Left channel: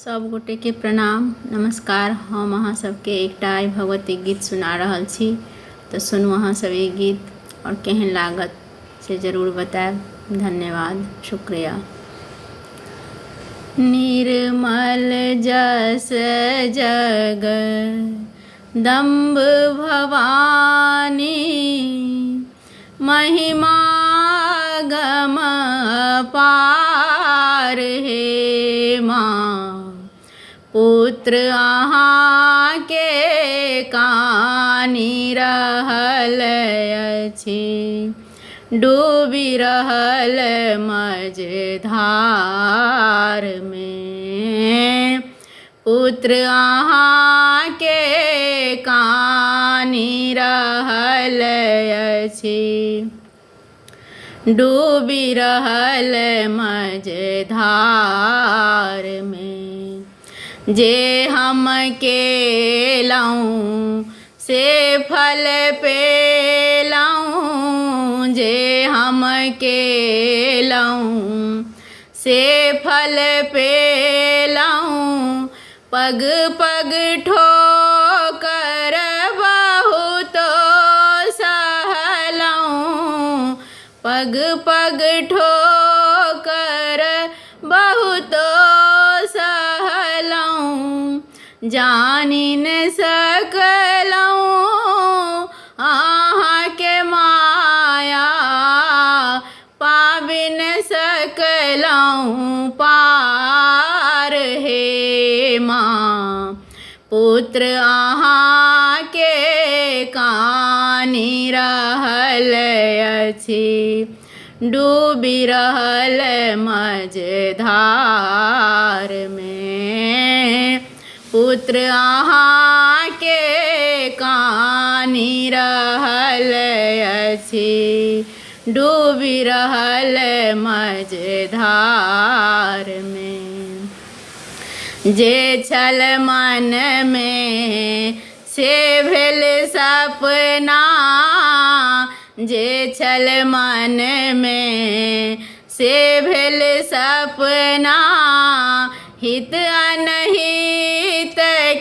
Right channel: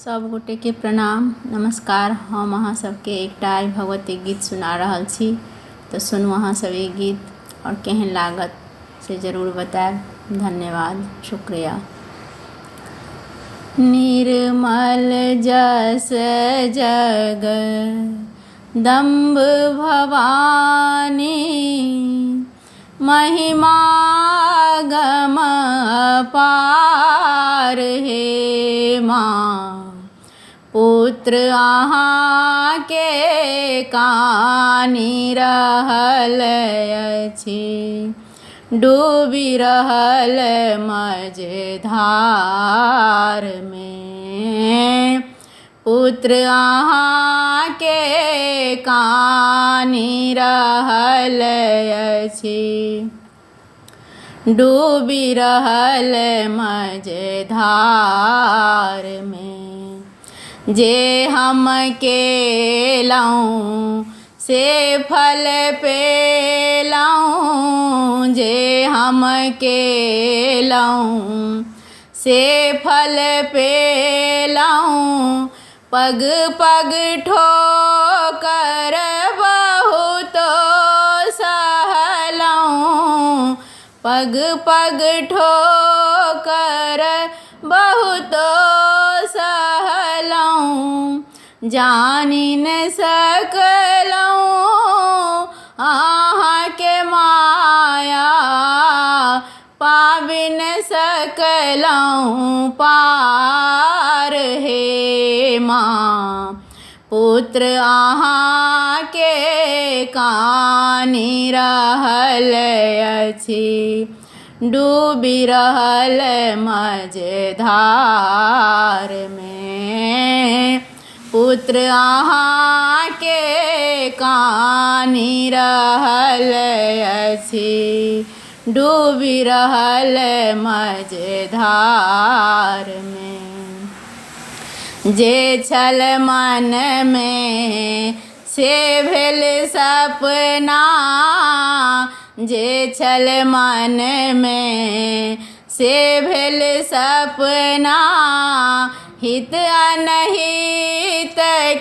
सब गोटे के प्रणाम नमस्कार। हम अहाँ सबके एकटा आइ भगवती गीत सुना रहल छी, तो सुनू अहाँ सब ई गीत और केहन लागत से जरूर बताएब। धन्यवाद, शुक्रिया। निर्मल जस जग दम्भ भवानी, महिमा गम पार हे माँ। पुत्र अहाँ के कानी रहल अछि, डूबी रहल मझधार में। पुत्र अहाँ के कानी रहल अछि, डूबी रहल मझधार में। जे हम केलहुँ से फल पेलहुँ, जे हम केलहुँ से फल पेलहुँ। पग पग ठोकर बहुतो सहलहुँ, पग पग ठोकर बहुतो सहलहुँ। जानि न सकलहुँ अहाँ के माया, पाबि न सकलहुँ पार हे माँ। पुत्र अहाँ के कानी रहल अछि, डूबी रहल मझधार में। पुत्र अहाँ के कानी रहल अछि, डूबी रहल मझधार में। जे छल मन में से भेल सपना, जे छल मन में से भेल सपना। हित अनहित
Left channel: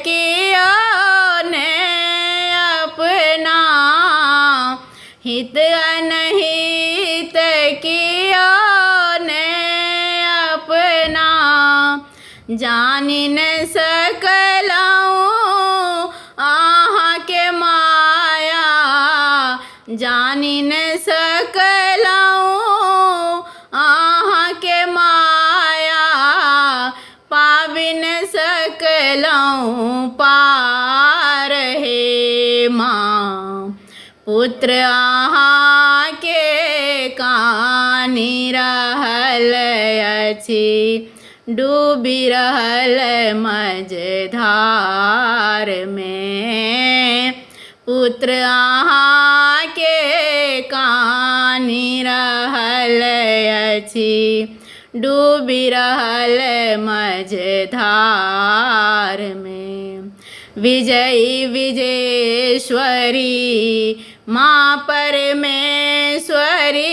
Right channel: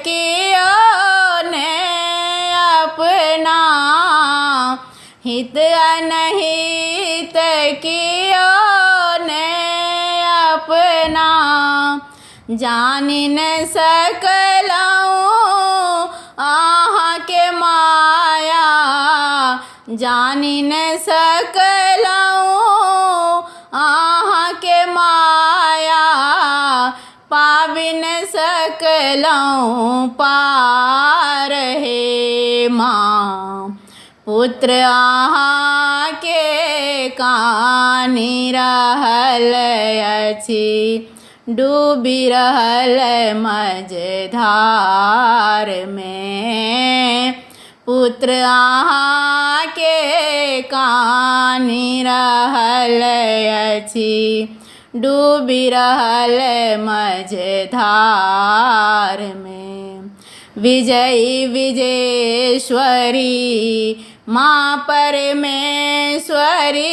कियो ने अपना, हित अनहित कियो ने अपना। जानि न सकलहुँ अहाँ के माया, जानि न सकलहुँ अहाँ के माया। पाबि न सकलहुँ पार हे माँ। पुत्र अहाँ के कानी रहल अछि, डूबी रहल मझधार में। पुत्र अहाँ के कानी रहल अछि, डूबी रहल मझधार में। विजयी विजेश्वरी माँ परमेश्वरी,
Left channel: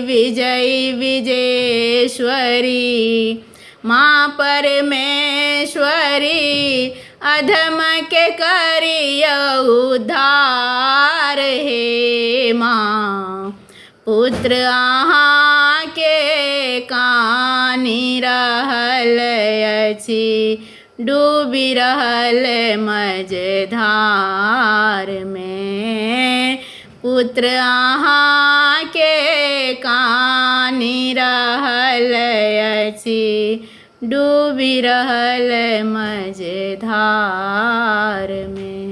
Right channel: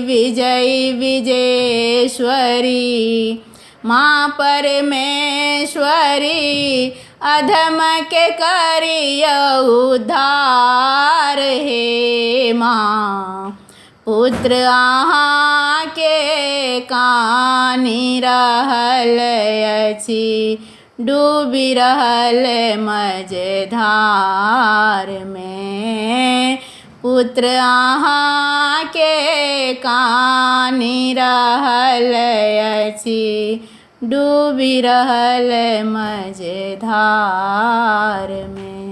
विजयी विजेश्वरी माँ परमेश्वरी। अधम के करियो उद्धार हे माँ। पुत्र अहाँ के कानी रहल अछि, डूबी रहल मझधार में। पुत्र अहाँ के कानी रहल अछि, डूबी रहल मझधार में।